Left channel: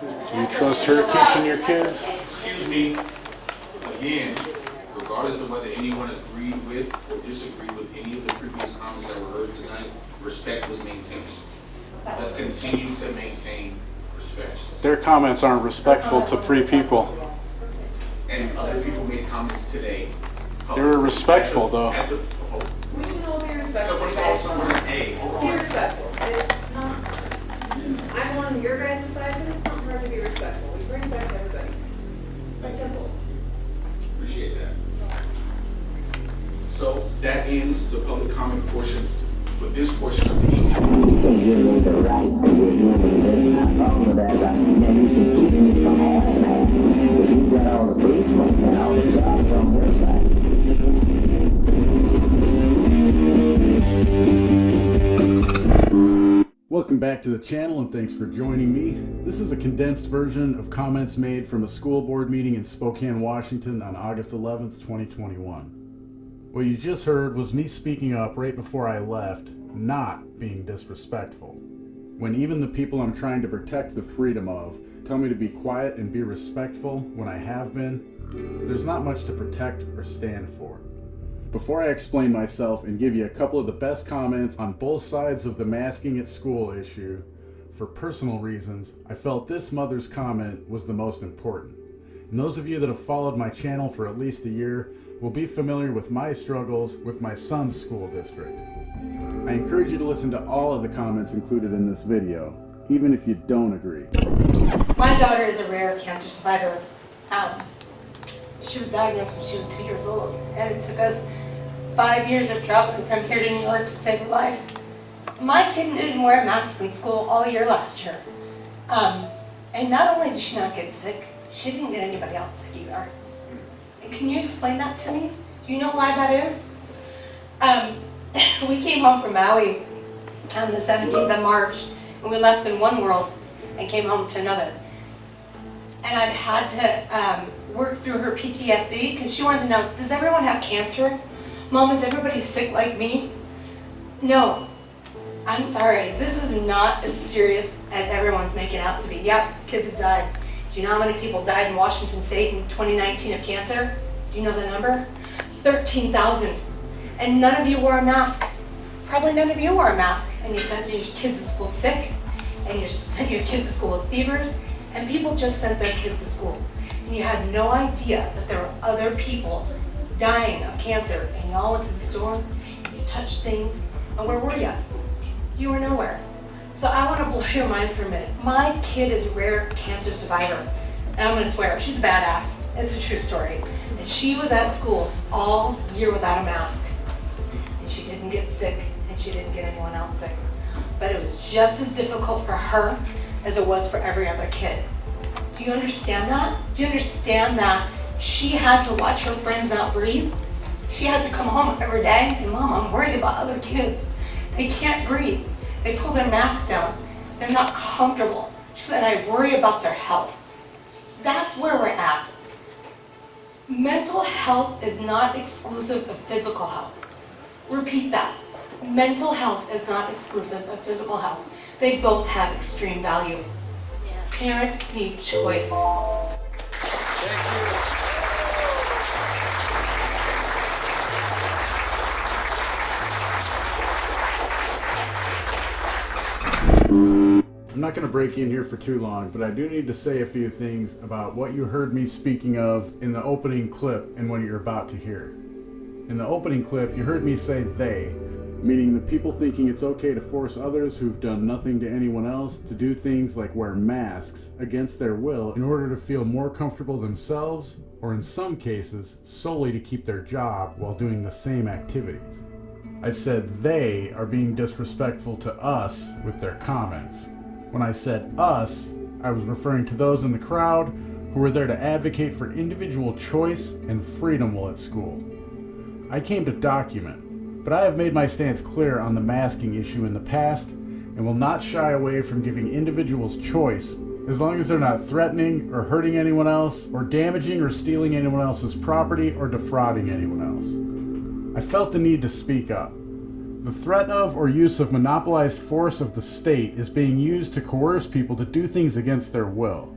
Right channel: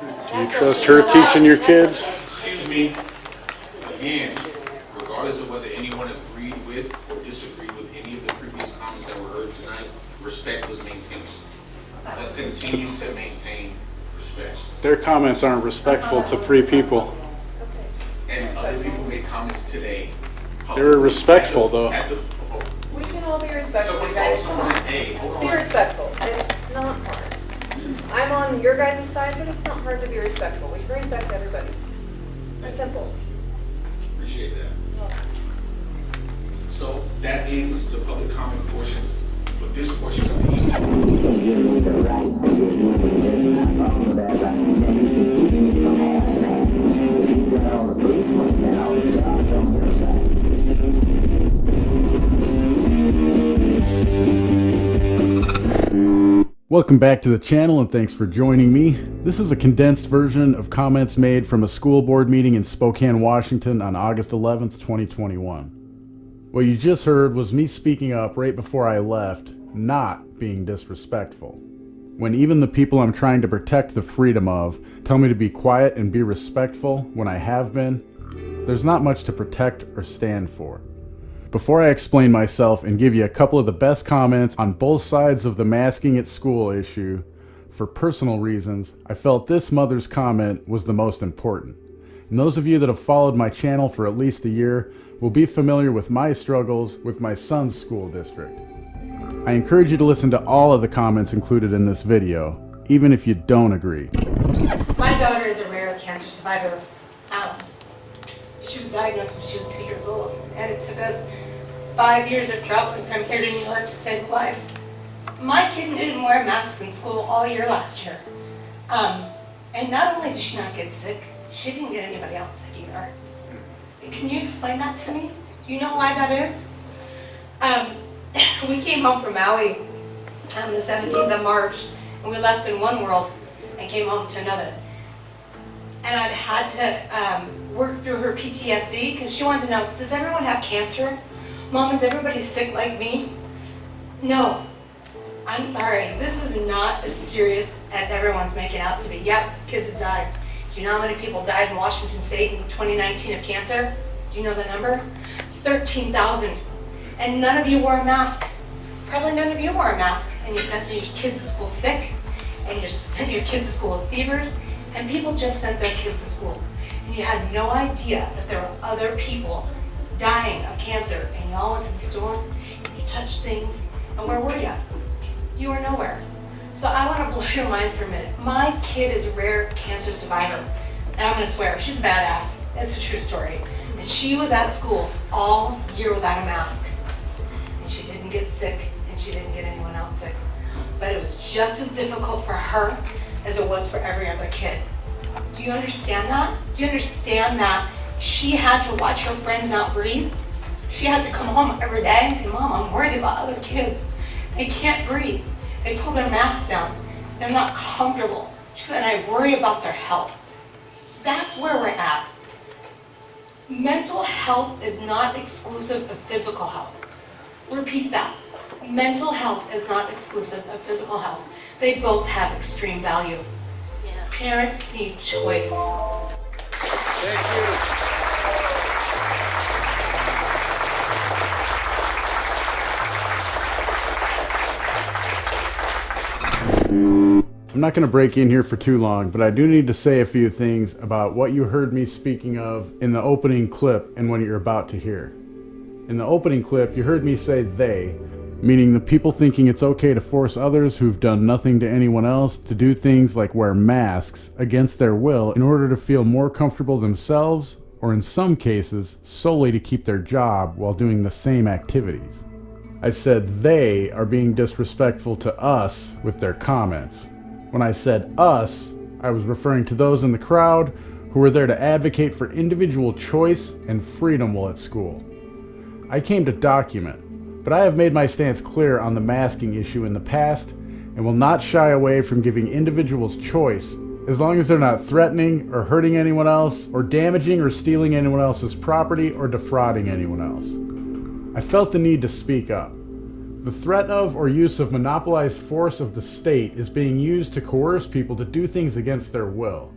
Do you trust her teaching your kids? Excuse me, again, regardless of whether anyone agreed with or disagreed with any of the previous comments that were heard tonight, respect was maintained. Let's continue to maintain respect. Their comments aren't respectful to free people. And other people made comments today. They were respectful, though. We can all be respectful, So guys. someone, hey, hold Be on. respectful. It's not hard. I'm on your guys' side, but it's not hard to be respectful. We can respect everybody. It's simple. Appreciate that. So that ends the public comment portion for this portion of the evening. You can't give me the right to be a human being. I'm fine with that right. Now you can keep me from having that if you've got all the policemen and all the jobs on your side. Welcome back to the channel and thanks for joining me. This is a condensed version of comments made from a school board meeting in Spokane, Washington on August 11th, 2021. What you just heard was me speaking up right before I left, not being disrespectful. When even the people I'm trying to protect the freedom of tell me to be quiet and be respectful when I have been, there's not much to protect or stand for. Before I explain myself and give you a couple of the best comments on both sides of the masking at school issue, for personal reasons, I felt this mother's comment was the most important. And those of you that have followed my channel for at least a year will be familiar with my struggles with my son's school district. I encourage you to listen to all of the comments included in this video, even if you don't agree. My daughter is a rare cancer survivor. She was diagnosed when she was 2 years old, and it took us 5 years of traveling from here to New York to save her life. My kid didn't wear a mask in school all year last year. And not only did she not get sick, she didn't get anybody else sick either. Can you explain that to me? Do you know why that is? We came home from Maui on the 17th of March, and we left in one world and came home to another. And I've had to work through her PTSD because she wanted to know, does everyone have cancer? Mom, is everybody sick like me? No. I'm sorry, this is not as serious as everyone's making out to be. Yep, kids have died. Do you know how many people died in Washington State in 2019 of cancer? Do you know the number? 13,000. And none of you wore a mask. Probably none of you wore a mask. And you sent your kids to school sick, and you sent your kids to school with fevers, and people just sent their kids to school. And you had no idea that there were other people dying of cancer, and y'all went to the store, and you touched things, and where were you? You were nowhere. So I want to blow your minds for a minute. My kid is a rare cancer survivor, and I'm going to swear, she's a badass. It's a true story. And she was at school all year without a mask, and she didn't get sick, and she didn't get anyone else sick. But it was just as difficult for her as it was for every other kid. Do you understand that? Do you understand that she had to watch her friends not breathe? She had to come home every day and say, Mom, I'm worried about other kids. They can't breathe. They pull their masks down. They're not comfortable. She said, I worry about their health. That's where we're at. Mental health is not exclusive of physical health. Repeat that. Mental health is not exclusive of physical health. They both have extreme value. Parents need choice. Thank you. I'm not going to break in here for too long, but I do need to say a few things about what you heard me speaking of in the opening clip and what you're about to hear. In the opening clip, you heard me say they, meaning the people thinking it's okay to force others who've done nothing to anyone else to do things like wear masks against their will in order to feel more comfortable themselves, or in some cases, solely to keep their job while doing the same activities. I said they are being disrespectful to us with their comments. When I said us, I was referring to those in the crowd who were there to advocate for individual choice and freedom while at school. I came to document, but I have made my stance clear on the masking issue in the past and will not shy away from giving individuals choice as long as they're not threatening or hurting anyone else or damaging or stealing anyone else's property or defrauding anyone else. I felt the need to speak up. The threat of or use of monopolized force of the state is being used to coerce people to do things against their will.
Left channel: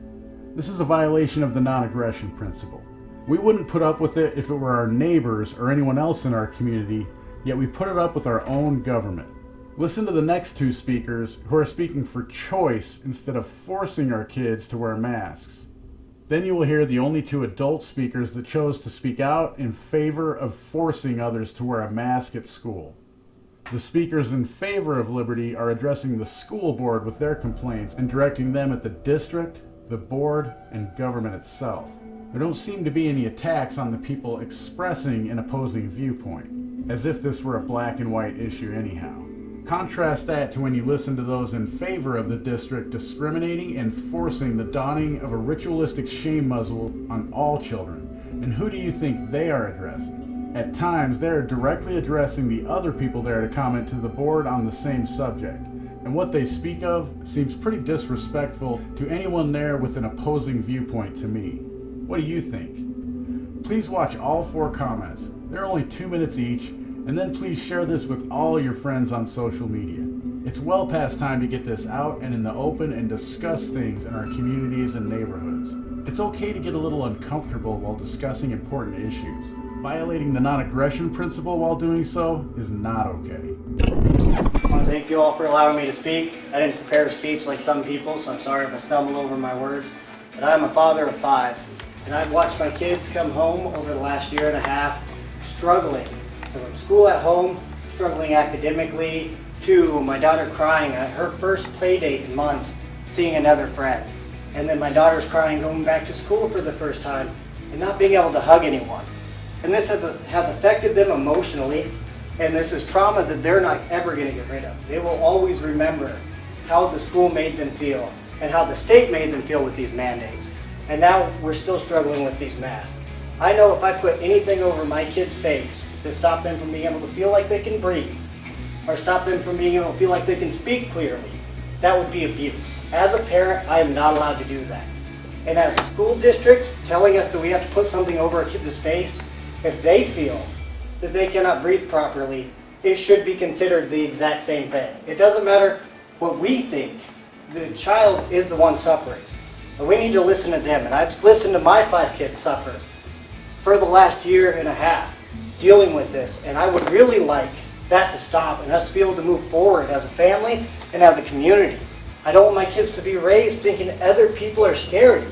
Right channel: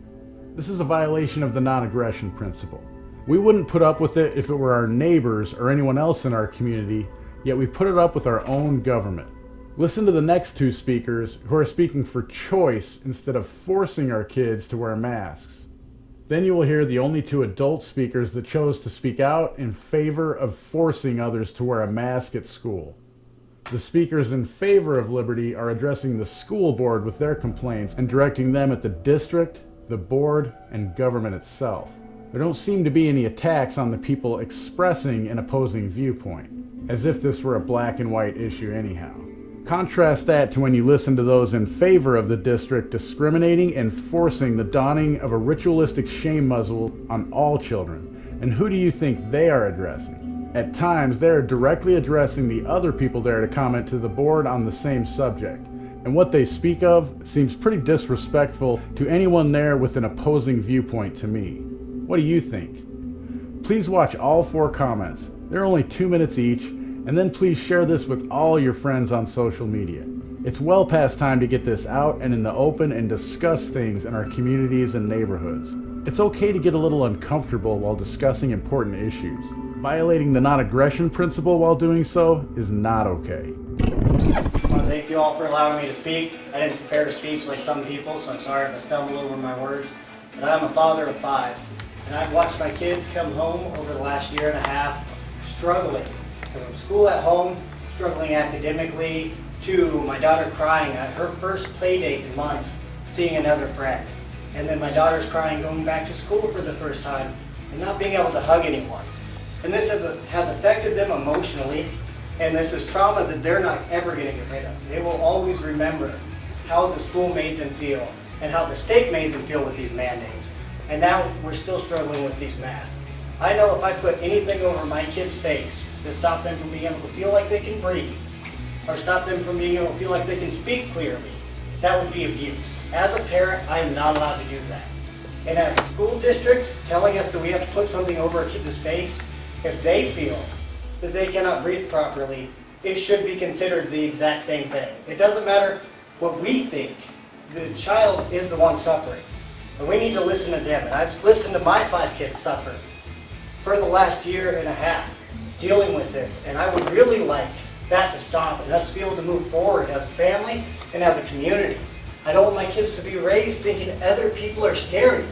This is a violation of the non-aggression principle. We wouldn't put up with it if it were our neighbors or anyone else in our community, yet we put it up with our own government. Listen to the next two speakers who are speaking for choice instead of forcing our kids to wear masks. Then you will hear the only two adult speakers that chose to speak out in favor of forcing others to wear a mask at school. The speakers in favor of liberty are addressing the school board with their complaints and directing them at the district, the board, and government itself. There don't seem to be any attacks on the people expressing an opposing viewpoint, as if this were a black and white issue anyhow. Contrast that to when you listen to those in favor of the district discriminating and forcing the donning of a ritualistic shame muzzle on all children, and who do you think they are addressing? At times, they are directly addressing the other people there to comment to the board on the same subject, and what they speak of seems pretty disrespectful to anyone there with an opposing viewpoint to me. What do you think? Please watch all 4 comments. They're only 2 minutes each, and then please share this with all your friends on social media. It's well past time to get this out and in the open and discuss things in our communities and neighborhoods. It's okay to get a little uncomfortable while discussing important issues. Violating the non-aggression principle while doing so is not okay. I want to thank you all for allowing me to speak. I didn't prepare a speech like some people, so I'm sorry if I stumble over my words. But I'm a father of 5, and I've watched my kids come home over the last year and a half struggling. From school at home, struggling academically, to my daughter crying at her first play date in months, seeing another friend. And then my daughter's crying going back to school for the first time and not being able to hug anyone. And this has affected them emotionally, and this is trauma that they're not ever going to get rid of. They will always remember how the school made them feel and how the state made them feel with these mandates. And now we're still struggling with these masks. I know if I put anything over my kid's face to stop them from being able to feel like they can breathe, or stop them from being able to feel like they can speak clearly, that would be abuse. As a parent, I am not allowed to do that. And as a school district telling us that we have to put something over a kid's face, if they feel that they cannot breathe properly, it should be considered the exact same thing. It doesn't matter what we think. The child is the one suffering. And we need to listen to them. And I've listened to my 5 kids suffer for the last year and a half dealing with this. And I would really like that to stop and us to be able to move forward as a family and as a community. I don't want my kids to be raised thinking other people are scary.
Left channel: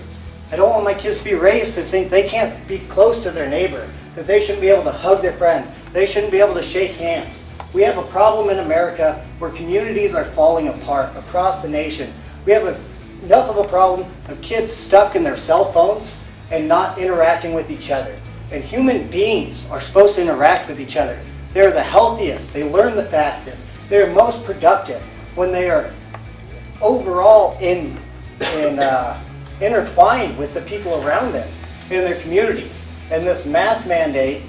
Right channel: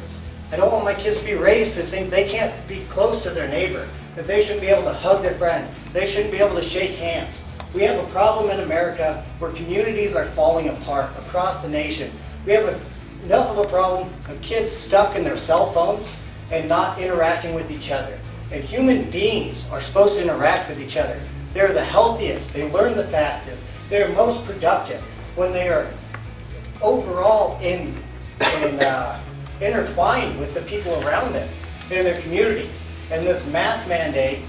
I don't want my kids to be raised to think they can't be close to their neighbor, that they shouldn't be able to hug their friend, they shouldn't be able to shake hands. We have a problem in America where communities are falling apart across the nation. We have enough of a problem of kids stuck in their cell phones and not interacting with each other. And human beings are supposed to interact with each other. They're the healthiest, they learn the fastest, they're most productive when they are overall intertwined with the people around them in their communities. And this mask mandate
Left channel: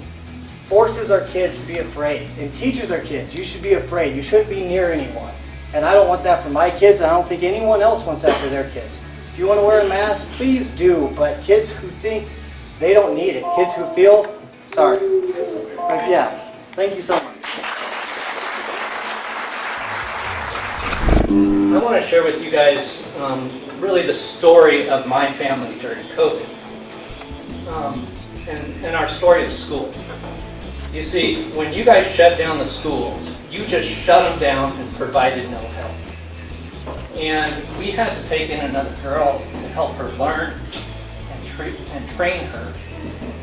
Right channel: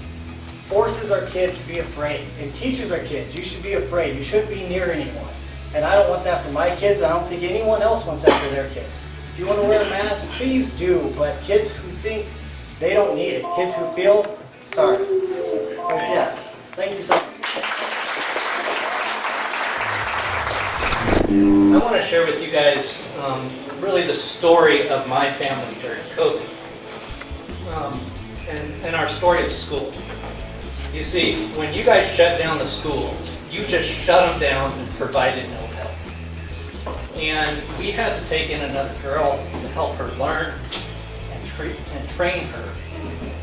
forces our kids to be afraid and teaches our kids, you should be afraid, you shouldn't be near anyone. And I don't want that for my kids, and I don't think anyone else wants that for their kids. If you want to wear a mask, please do, but kids who think they don't need it, kids who feel, sorry. Yeah, thank you so much. I want to share with you guys really the story of my family during COVID and our story of school. You see, when you guys shut down the schools, you just shut them down and provided no help. And we had to take in another girl to help her learn and train her.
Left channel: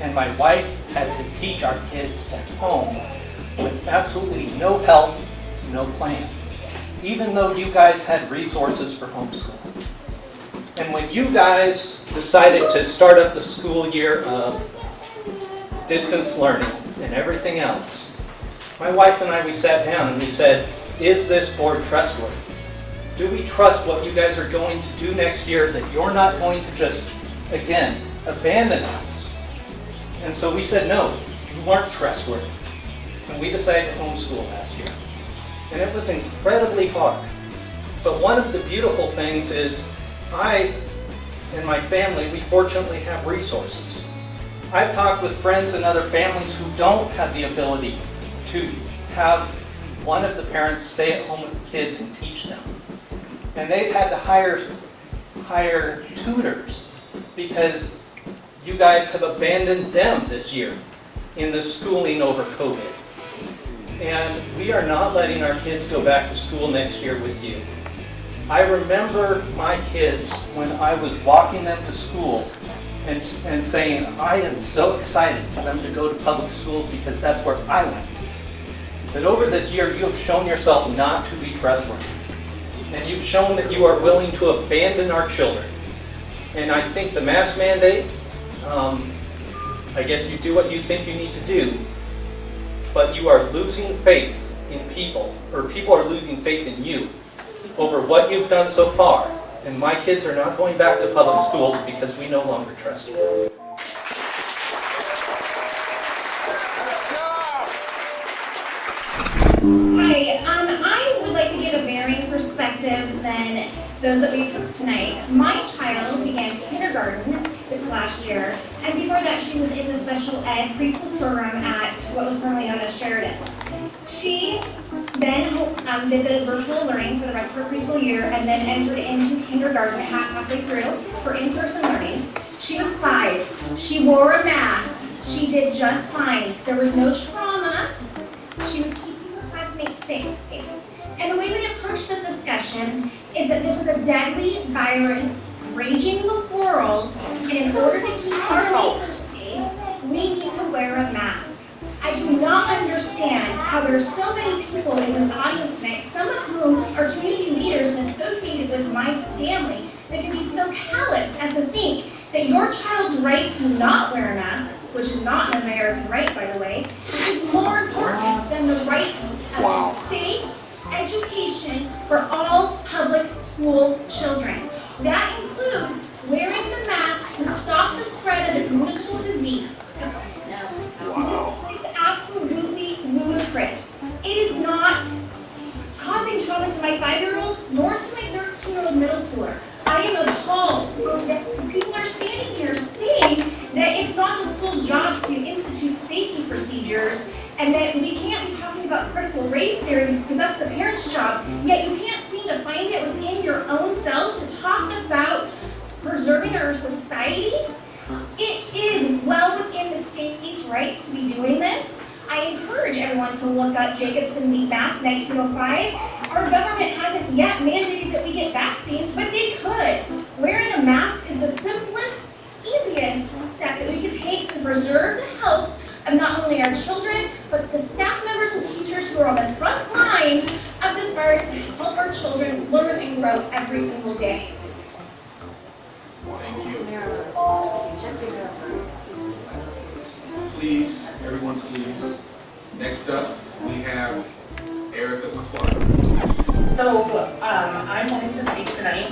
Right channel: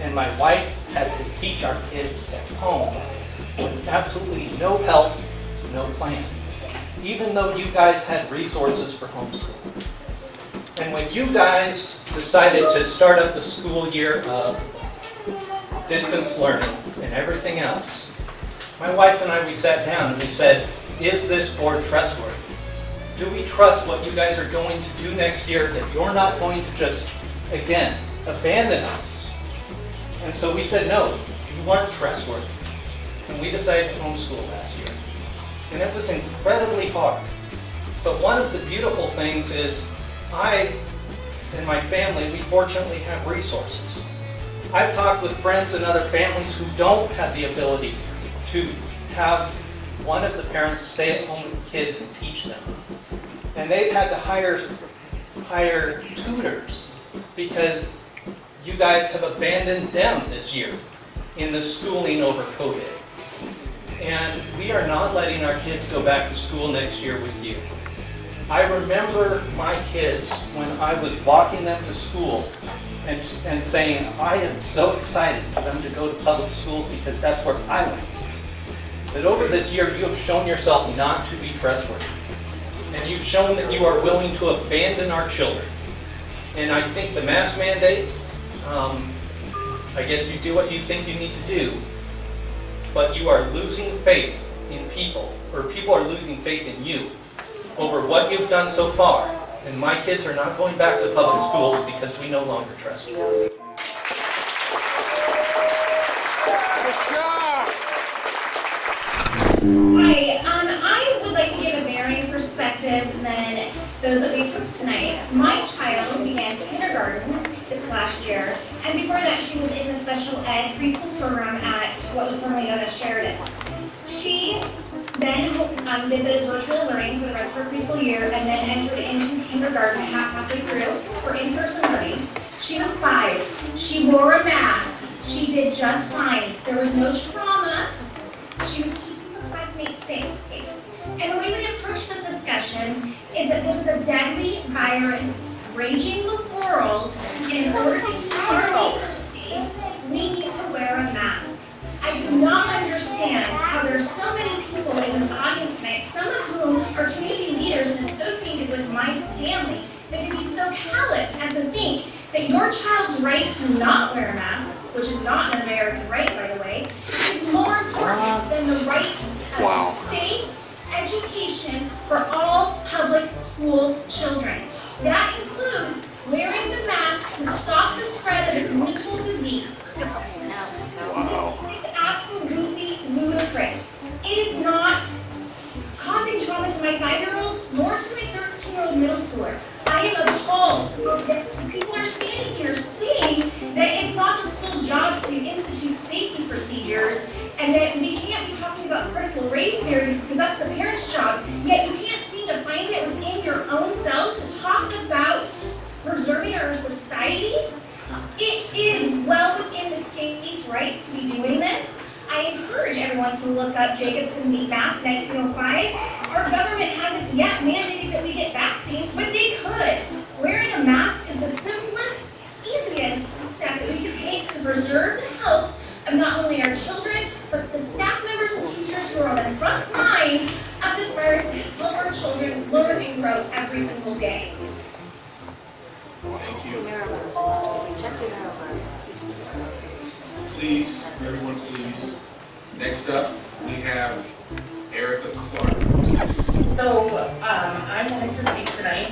And my wife had to teach our kids at home with absolutely no help, no plan, even though you guys had resources for homeschool. And when you guys decided to start up the school year of distance learning and everything else, my wife and I, we sat down and we said, is this board trustworthy? Do we trust what you guys are going to do next year, that you're not going to just, again, abandon us? And so we said, no, you weren't trustworthy. And we decided to homeschool last year. And it was incredibly hard. But one of the beautiful things is I and my family, we fortunately have resources. I've talked with friends and other families who don't have the ability to have one of the parents stay at home with the kids and teach them. And they've had to hire tutors because you guys have abandoned them this year in the schooling over COVID. And we are not letting our kids go back to school next year with you. I remember my kids when I was walking them to school and saying, I am so excited for them to go to public schools because that's where I went. But over this year, you have shown yourself not to be trustworthy. And you've shown that you are willing to abandon our children. And I think the mask mandate, I guess you do what you think you need to do, but you are losing faith in people, or people are losing faith in you over what you've done so far. And my kids are not going back to public schools because we no longer trust you. Hi, I would like to give a varying perspective than those that we took tonight. My child began kindergarten this last year, and before that she was in the special ed preschool program at what was formerly known as Sheridan. She then did the virtual learning for the rest of her preschool year and then entered into kindergarten halfway through for in-person learning. She was 5. She wore a mask. She did just fine. There was no trauma. She was keeping her classmates safe. And the way we approach this discussion is that this is a deadly virus raging the world, and in order to keep our neighbors safe, we need to wear a mask. I do not understand how there are so many people in this audience tonight, some of whom are community leaders and associated with my family, that can be so callous as to think that your child's right to not wear a mask, which is not an American right, by the way, is more important than the right of safe education for all public school children. That includes wearing the mask to stop the spread of the communicable disease. Wow. This is absolutely ludicrous. It is not causing trauma to my 5-year-old nor to my 13-year-old middle schooler. I am appalled that people are standing here saying that it's not the school's job to institute safety procedures and that we can't be talking about critical race theory because that's the parents' job, yet you can't seem to find it within your own selves to talk about preserving our society. It is well within the state's rights to be doing this. I encourage everyone to look up Jacobson v. Mask 1905. Our government hasn't yet mandated that we get vaccines, but they could. Wearing a mask is the simplest, easiest step that we could take to preserve the health of not only our children, but the staff members and teachers who are on the front lines of this virus to help our children learn and grow every single day. Thank you. Please, everyone please. Next up, we have Erica Clark. So I wanted to speak tonight.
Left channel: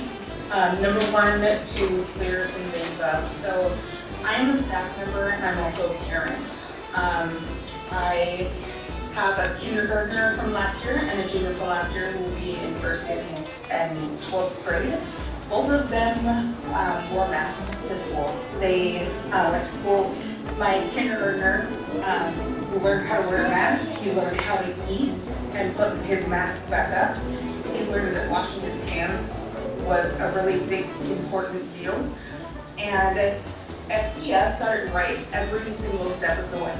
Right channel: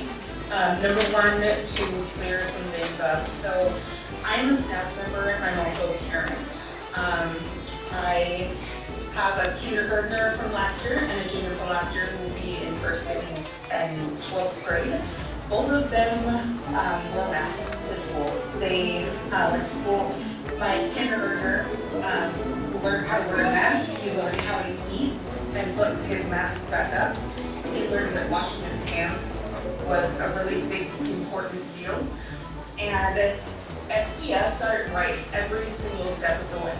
Number one, to clear some things up. So I'm a staff member and I'm also a parent. I have a kindergartner from last year and a junior from last year who will be in first and 12th grade. Both of them wore masks to school. They went to school. My kindergartner learned how to wear a mask. He learned how to eat and put his mask back up. He learned that washing his hands was a really big, important deal. And SPS got it right every single step of the way.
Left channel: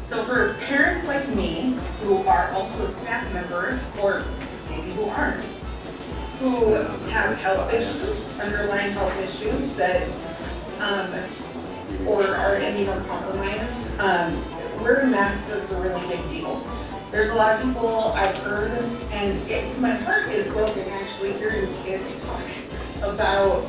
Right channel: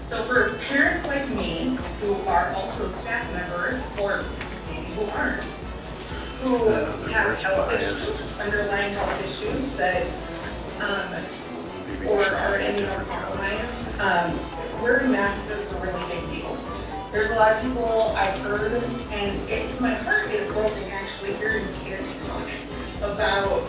So for parents like me, who are also staff members, or maybe who aren't, who have health issues, underlying health issues that, or are immunocompromised, wearing masks is a really big deal. There's a lot of people I've heard, and my heart is broken actually hearing kids talk about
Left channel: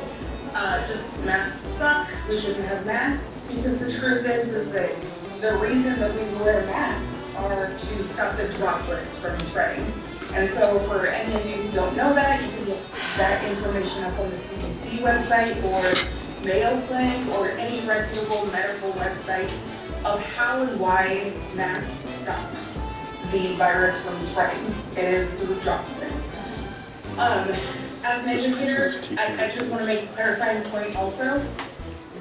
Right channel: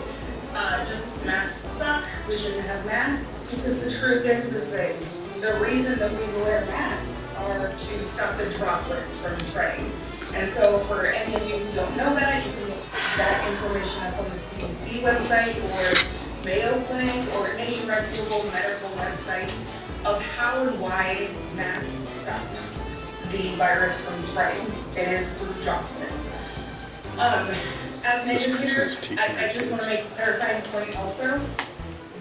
just masks suck, we shouldn't have masks, because the truth is that the reason that we wear masks are to stop the droplets from spreading. And so for any of you who don't know that, you can look that information up on the CDC website or Mayo Clinic or any reputable medical website of how and why masks stop the virus from spreading. It is through droplets. As an educator, I just want to make a clarifying point also.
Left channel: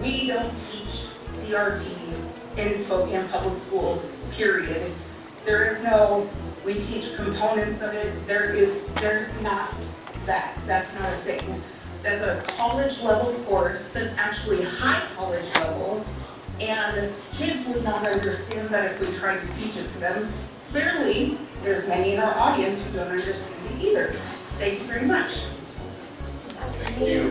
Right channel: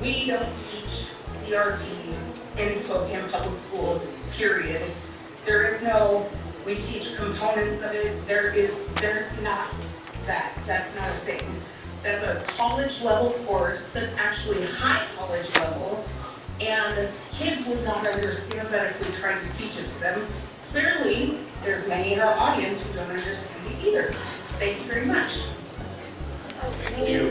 We don't teach CRT in Spokane Public Schools, period. There is no We teach components of it. There's not that. That's not a thing. That's a college level course that's actually high college level, and kids would not understand that if we tried to teach it to them. Clearly, there's many in our audience who don't understand it either. Thank you very much. Thank you.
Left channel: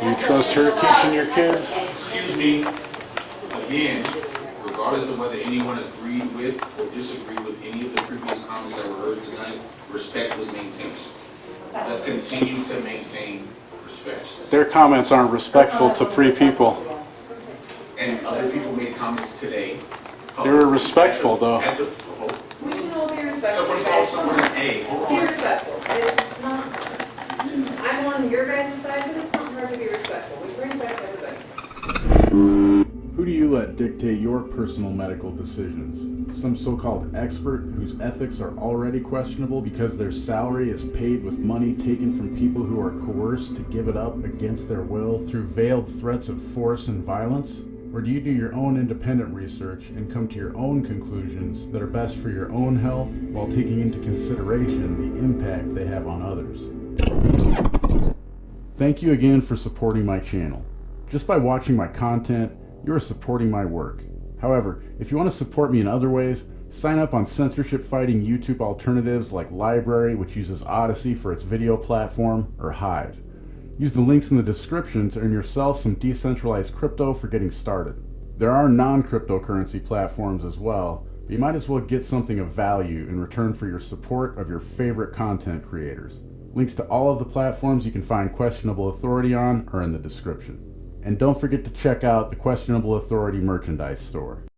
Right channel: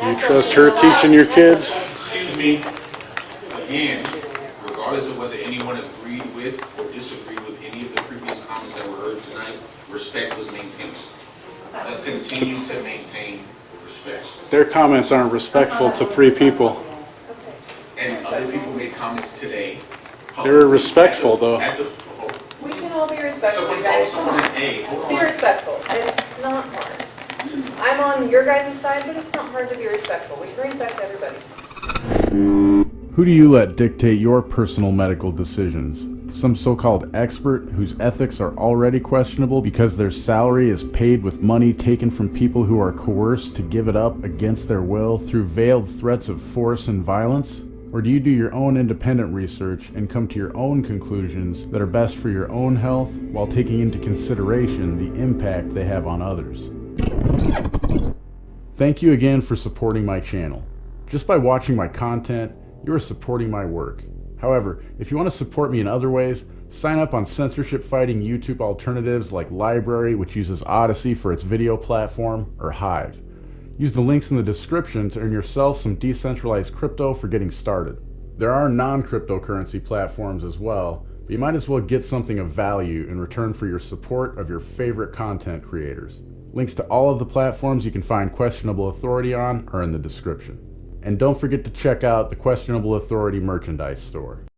Do you trust her teaching your kids? Excuse me. Again, regardless of whether anyone agreed with or disagreed with any of the previous comments that were heard tonight, respect was maintained. Let's continue to maintain respect. Their comments aren't respectful to free people. And other people made comments today. They were respectful, though. We can all be respectful, Someone called guys. Come someone on. an A. Hold Be on. respectful. It's not hard. I'm on your guys' side, but it's not hard to be respectful. We can respect everybody. Who do you let dictate your personal medical decisions? Some so-called expert whose ethics are already questionable because their salary is paid with money taken from people who are coerced to give it up against their will through veiled threats of force and violence? Or do you do your own independent research and come to your own conclusions that are best for your own health while taking into consideration the impact they have on others? Thank you again for supporting my channel. Just by watching my content, you are supporting my work. However, if you want to support me in other ways, sign up on censorship-fighting YouTube alternatives like LBRY, which uses Odyssey for its video platform, or Hive. Use the links in the description to earn yourself some decentralized crypto for getting started. There are non-cryptocurrency platforms as well, but you might as well get something of value in return for your support of your favorite content creators. Links to all of the platforms you can find Questionable Authority on are in the description. And don't forget to check out the Questionable Authority merchandise store.